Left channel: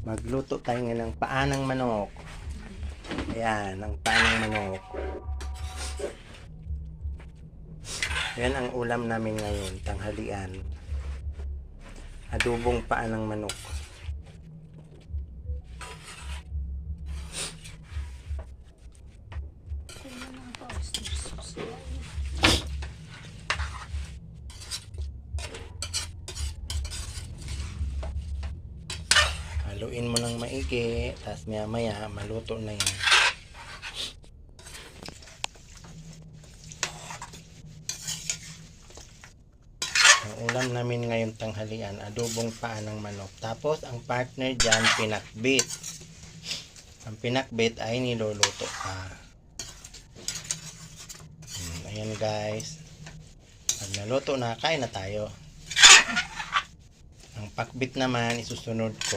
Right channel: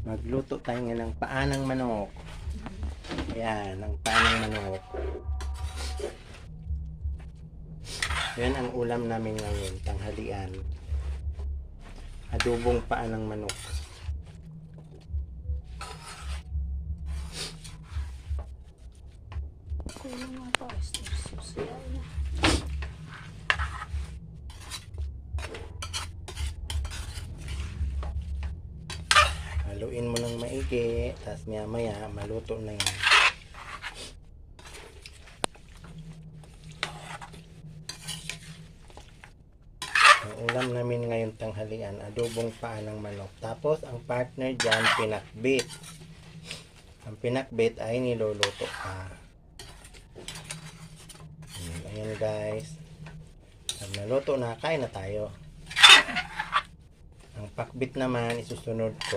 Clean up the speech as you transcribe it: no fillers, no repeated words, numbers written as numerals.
Magluto tayo ngayon ng paa ng manok. Ayan, ang paa ng manok. Yan ang ulam namin ngayon, tanghalian. Adobong paa ng manok. Haluin mo ng maigi, tapos maya maya maluto na yan. Ang ulam namin ngayon tanghalian, adobong paa ng manok. Tapos ang partner dyan, pinakbit. Ang pinakbit ay niluluto pa. Ayan guys. Pag naluto na, kain na tayo. Ang pakbit naman isusunod ko.